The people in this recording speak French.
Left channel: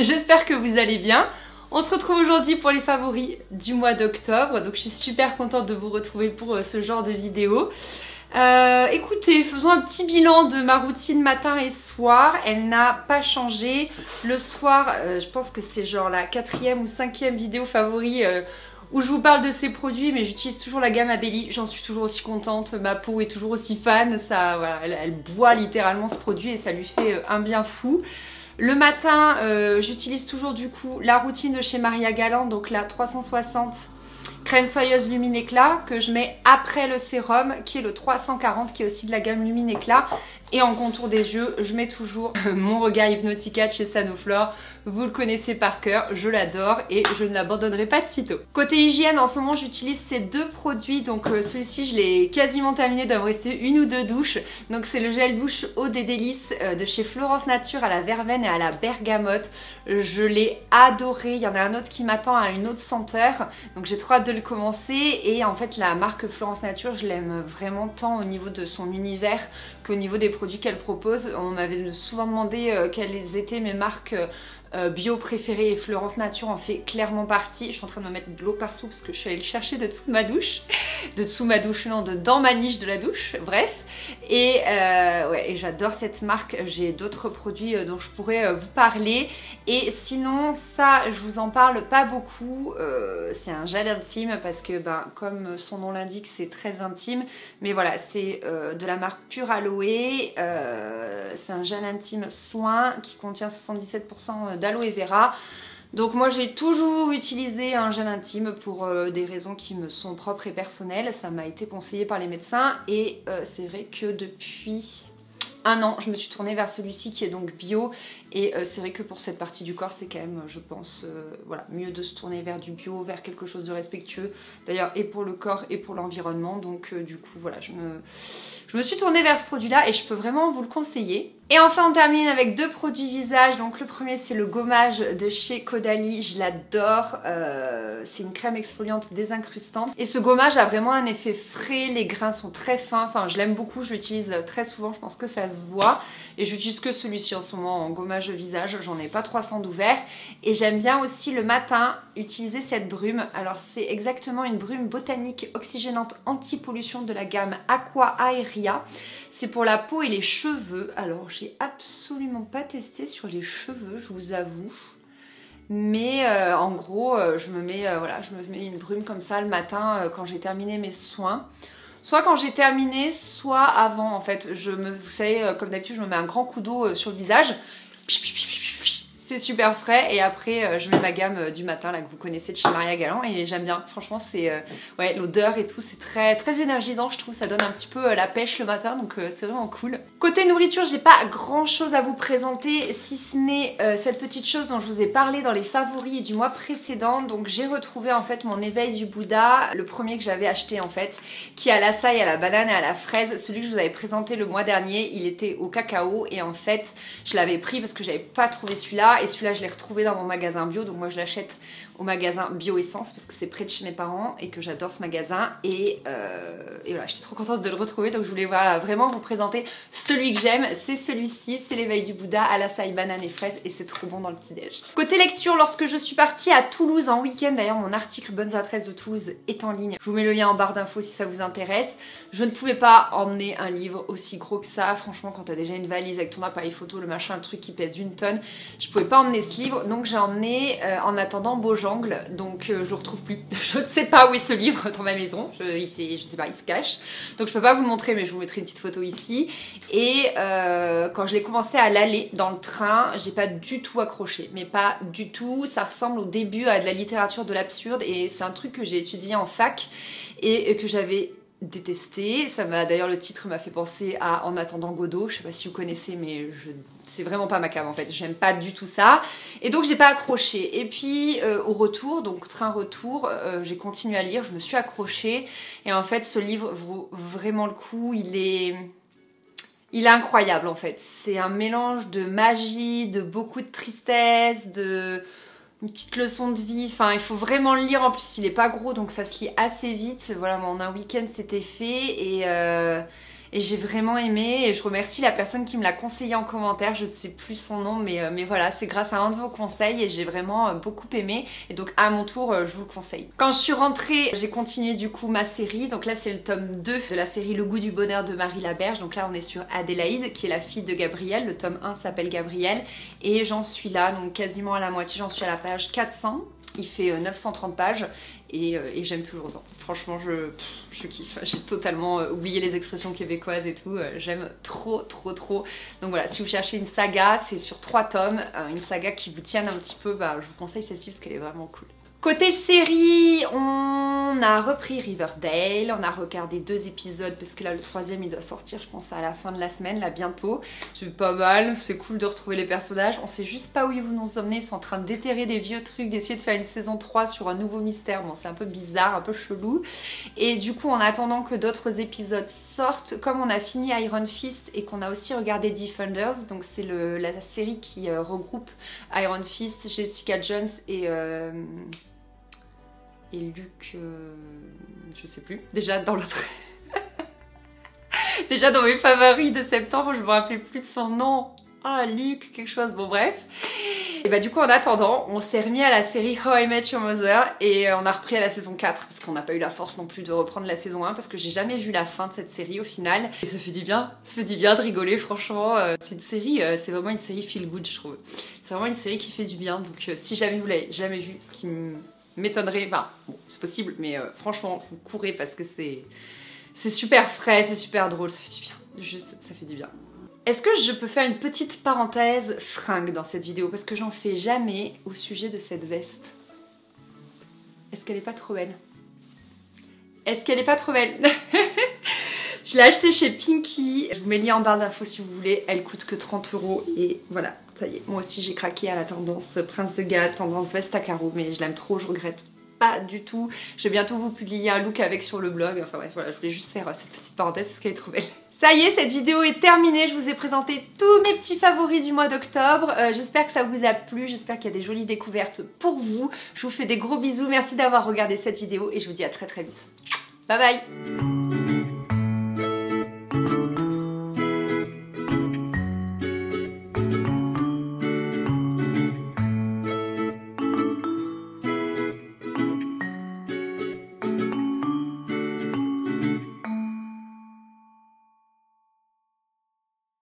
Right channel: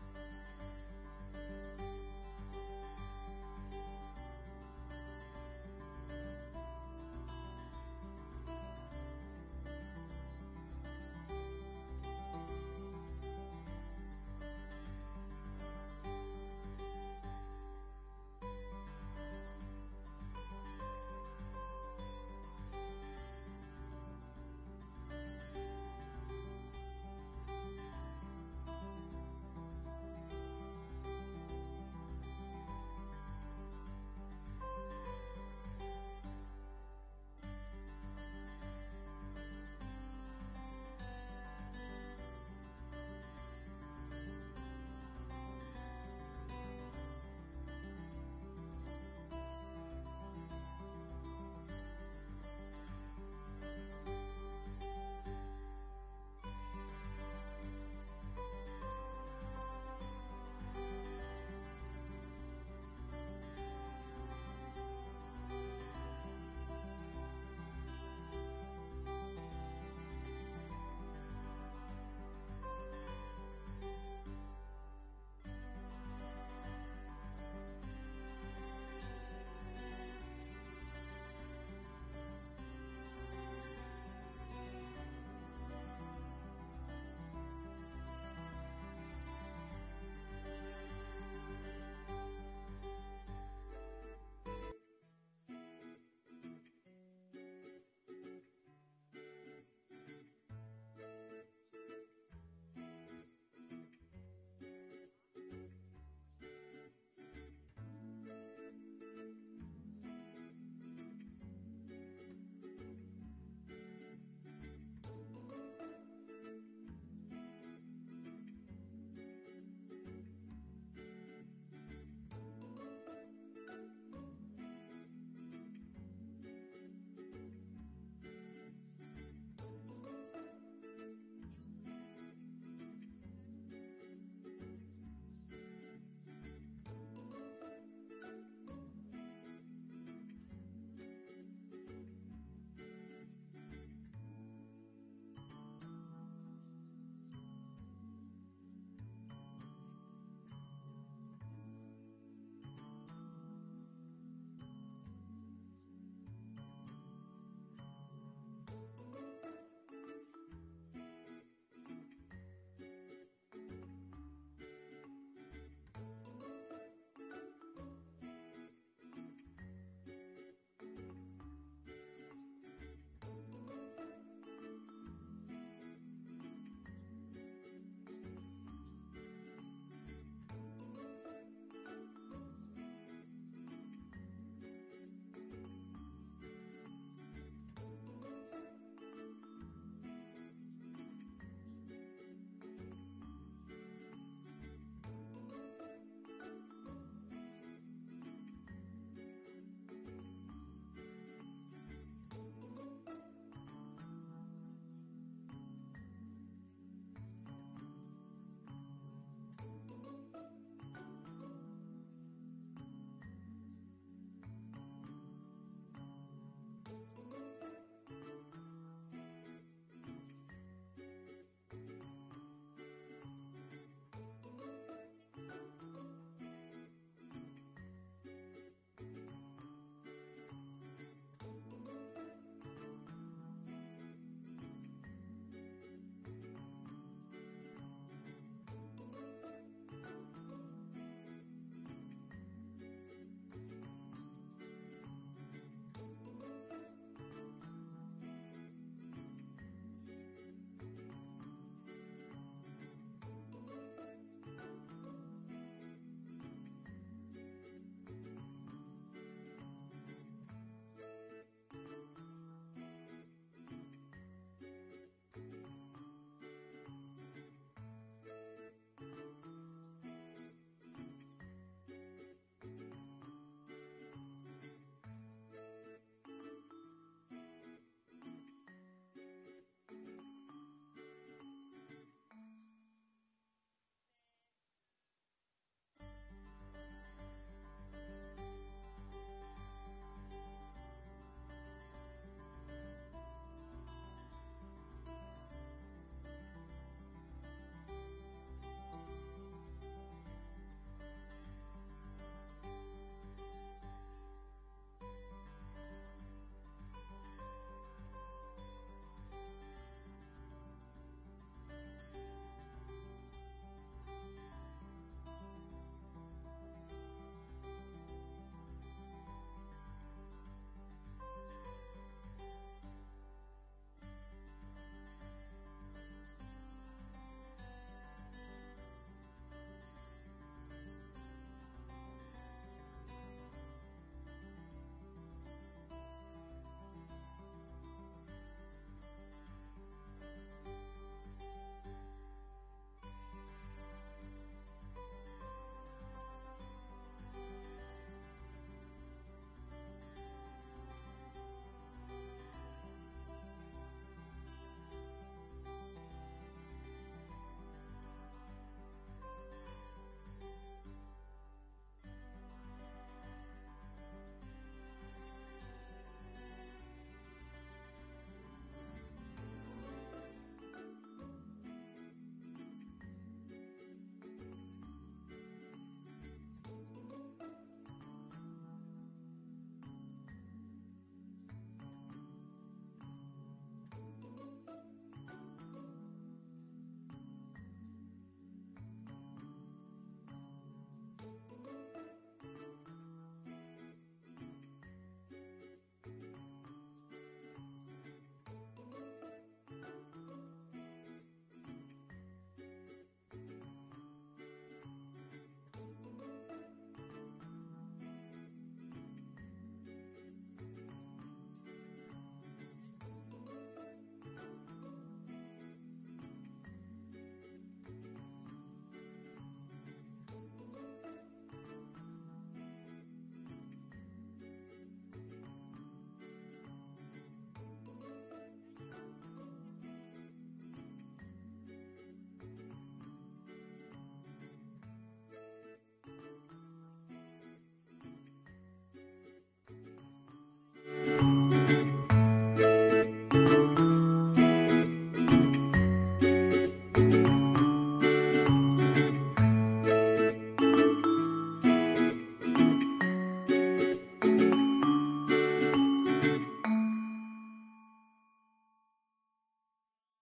J'espère que vous allez bien. On se retrouve aujourd'hui pour les favoris du mois d'octobre, donc je suis super contente de vous retrouver pour ce genre de vidéo. Écoutez, faisons un petit bilan de ma routine matin et soir. Elle n'a pas changé. Le soir, je pense que c'est genre la 4e ou 5e vidéo favori où je vous parle de ces produits, mais j'utilise toujours la gamme Abelli. J'en suis toujours aussi contente. Ma peau est toujours aussi fan. Ça, voilà, elle boit littéralement ce produit et ça lui fait un bien fou. Le matin, j'utilise toujours du coup la routine de chez Maria Galland, donc la 360 crème soyeuse Lumine Éclat que je mets après le sérum qui est le 340 qui est aussi de la gamme Lumine Éclat. Et en contour des yeux, je mets toujours mon regard Hypnotica de chez Sanoflore. Vous le connaissez par cœur, je l'adore et je ne l'abandonnerai pas de sitôt. Côté hygiène, en ce moment, j'utilise ces deux produits. Donc celui-ci, je l'ai quasiment terminé, il doit me rester une ou deux douches. Donc c'est le gel douche Eau des Délices de chez Florence Nature à la verveine et à la bergamote. Je l'ai adoré. Il y en a un autre qui m'attend à une autre senteur. Donc j'ai trop hâte de le commencer. Et en fait, la marque Florence Nature, je l'aime vraiment tant au niveau de son univers qu'au niveau des produits qu'elle propose. On m'avait souvent demandé quelles étaient mes marques bio préférées et Florence Nature en fait clairement partie. Je suis en train de me mettre de l'eau partout parce que je suis allée le chercher de dessous de ma douche. De dessous ma douche, non, dans ma niche de la douche, bref. Et ouais, et j'adore cette marque. J'ai d'autres produits dont je pourrais vous parler. Et sinon, ça, je vous en parle pas beaucoup. C'est un gel intime parce que, ben, comme son nom l'indique, c'est très intime. Mais voilà, c'est de la marque Pure Aloe. C'est un gel intime soin qui contient 77% d'aloe vera. Donc moi j'ai toujours utilisé un gel intime pour des raisons qui me sont propres et personnelles. Ça m'a été conseillé par les médecins et c'est vrai que depuis un an je me suis tournée vers celui-ci qui est donc bio. Et c'est vrai que pour cette partie du corps, c'est quand même, je pense, voilà, mieux de se tourner vers du bio, vers quelque chose de respectueux. D'ailleurs, et pour le corps et pour l'environnement. Donc, du coup, voilà, je me suis tournée vers ce produit-là et je peux vraiment vous le conseiller. Et enfin, on termine avec deux produits visage. Donc, le premier, c'est le gommage de chez Caudalie. Je l'adore. C'est une crème exfoliante désincrustante. Et ce gommage a vraiment un effet frais. Les grains sont très fins. Enfin, je l'aime beaucoup. Je l'utilise très souvent. Je pense que ça se voit. Et j'utilise que celui-ci en ce moment en gommage visage, j'en ai pas 300 d'ouvert. Et j'aime bien aussi le matin utiliser cette brume. Alors c'est exactement une brume botanique oxygénante anti-pollution de la gamme Aqua Aeria. C'est pour la peau et les cheveux. Alors j'ai absolument pas testé sur les cheveux, je vous avoue. Mais en gros, je me mets une brume comme ça le matin quand j'ai terminé mes soins. Soit quand j'ai terminé, soit avant en fait. Vous savez, comme d'habitude, je me mets un grand coup d'eau sur le visage. C'est super frais et après je mets ma gamme du matin là que vous connaissez de chez Maria Galland et j'aime bien, franchement c'est ouais, l'odeur et tout, c'est très énergisant, je trouve, ça donne un petit peu la pêche le matin, donc c'est vraiment cool. Côté nourriture, j'ai pas grand chose à vous présenter si ce n'est cette petite chose dont je vous ai parlé dans les favoris du mois précédent. Donc j'ai retrouvé en fait mon éveil du Bouddha, le premier que j'avais acheté en fait, qui est à l'açaï, à la banane et à la fraise. Celui que je vous avais présenté le mois dernier, il était au cacao et en fait je l'avais pris parce que j'avais pas trouvé celui-là. Et celui-là, je l'ai retrouvé dans mon magasin bio. Donc moi, je l'achète au magasin Bio Essence parce que c'est près de chez mes parents et que j'adore ce magasin. Et voilà, j'étais trop contente de le retrouver. Donc je voulais vraiment vous présenter celui que j'aime. C'est celui-ci, c'est l'éveil du Bouddha à l'açaï, banane et fraise. Et c'est trop bon dans le petit-déj. Côté lecture, lorsque je suis partie à Toulouse en week-end, d'ailleurs mon article Bonnes adresses de Toulouse est en ligne. Je vous mets le lien en barre d'infos si ça vous intéresse. Je ne pouvais pas emmener un livre aussi gros que ça. Franchement, quand t'as déjà une valise avec ton appareil photo, le machin, le truc qui pèse 1 tonne, je pouvais pas emmener ce livre, donc j'ai emmené en attendant Beaujangle, donc je le retrouve plus. Je ne sais pas où est ce livre dans ma maison, je sais pas, il se cache, donc je peux pas vous le montrer, mais je vous mettrai une petite photo ici. Et quand je l'ai commencé à l'aller dans le train, j'ai pas du tout accroché, mais pas du tout. Ça ressemble au début à de la littérature de l'absurde et c'est un truc que j'ai étudié en fac et que j'avais détesté. Ça m'a d'ailleurs, le titre m'a fait penser à En attendant Godot, je sais pas si vous connaissez, mais c'est vraiment pas ma came en fait, j'aime pas du tout ça et donc j'ai pas accroché. Et puis au retour, donc train retour, j'ai continué à lire, je me suis accrochée et en fait ce livre vaut vraiment le coup. Il est incroyable en fait, c'est un mélange de magie, de beaucoup de tristesse, de une petite leçon de vie. Enfin, il faut vraiment le lire. En plus, il est pas gros, donc ça se lit assez vite. Voilà, moi, en un week-end, c'était fait. et j'ai vraiment aimé et je remercie la personne qui me l'a conseillé en commentaire, je ne sais plus son nom mais voilà, c'est grâce à un de vos conseils et j'ai vraiment beaucoup aimé et donc à mon tour je vous le conseille. Quand je suis rentrée, j'ai continué du coup ma série, donc là c'est le tome 2 de la série Le goût du bonheur de Marie Laberge, donc là on est sur Adélaïde qui est la fille de Gabriel, le tome 1 s'appelle Gabriel et j'en suis là donc quasiment à la moitié, j'en suis à la page 400, il fait 930 pages et j'aime toujours autant. Franchement je kiffe, j'ai totalement oublié les expressions québécoises et tout, j'aime trop. Donc voilà, si vous cherchez une saga, c'est sur 3 tomes, une saga qui vous tienne un petit peu, je vous conseille celle-ci parce qu'elle est vraiment cool. Côté série, on a repris Riverdale, on a regardé 2 épisodes parce que là le 3e il doit sortir je pense à la fin de la semaine, là bientôt. C'est pas mal, c'est cool de retrouver les personnages, on sait juste pas où ils vont nous emmener, ils sont en train de déterrer des vieux trucs, d'essayer de faire une saison 3 sur un nouveau mystère, bon c'est un peu bizarre, un peu chelou. Et du coup en attendant que d'autres épisodes sortent, comme on a fini Iron Fist et qu'on a aussi regardé Defenders, donc c'est la série qui regroupe Iron Fist, Jessica Jones et Luke, je sais plus, déjà dans l'autre... déjà dans mes favoris de septembre, je me rappelais plus de son nom. Ah, Luke, quelque chose, bon bref. Et du coup en attendant, on s'est remis à la série How I Met Your Mother et on a repris à la saison 4 parce qu'on n'a pas eu la force non plus de reprendre la saison 1 parce que j'ai jamais vu la fin de cette série au final. Et ça fait du bien, de rigoler franchement. C'est une série, c'est vraiment une série feel good je trouve. C'est vraiment une série qui fait du bien, donc si jamais vous l'avez jamais vue, ce qui m'étonnerait, enfin bon, c'est possible mais franchement vous courez parce que c'est super frais, c'est super drôle, ça fait du bien, juste ça fait du bien. Est-ce que je peux faire une petite parenthèse fringue dans cette vidéo parce que j'en fais jamais au sujet de cette veste. Est-ce qu'elle est pas trop belle? Est-ce qu'elle est pas trop belle? Je l'ai achetée chez Pinky, je vous mets le lien en barre d'infos si vous voulez, elle coûte que 30 € et voilà, ça y est, moi aussi j'ai craqué à la tendance Prince de Galles, tendance veste à carreaux, mais je l'aime trop, je regrette pas du tout. Je vais bientôt vous publier un look avec sur le blog, enfin bref, voilà, je voulais juste faire cette petite parenthèse parce qu'elle est trop belle. Ça y est, cette vidéo est terminée, je vous ai présenté tous mes petits favoris du mois d'octobre, j'espère que ça vous a plu, j'espère qu'il y a des jolies découvertes pour vous, je vous fais des gros bisous, merci d'avoir regardé cette vidéo et je vous dis à très vite. Bye bye.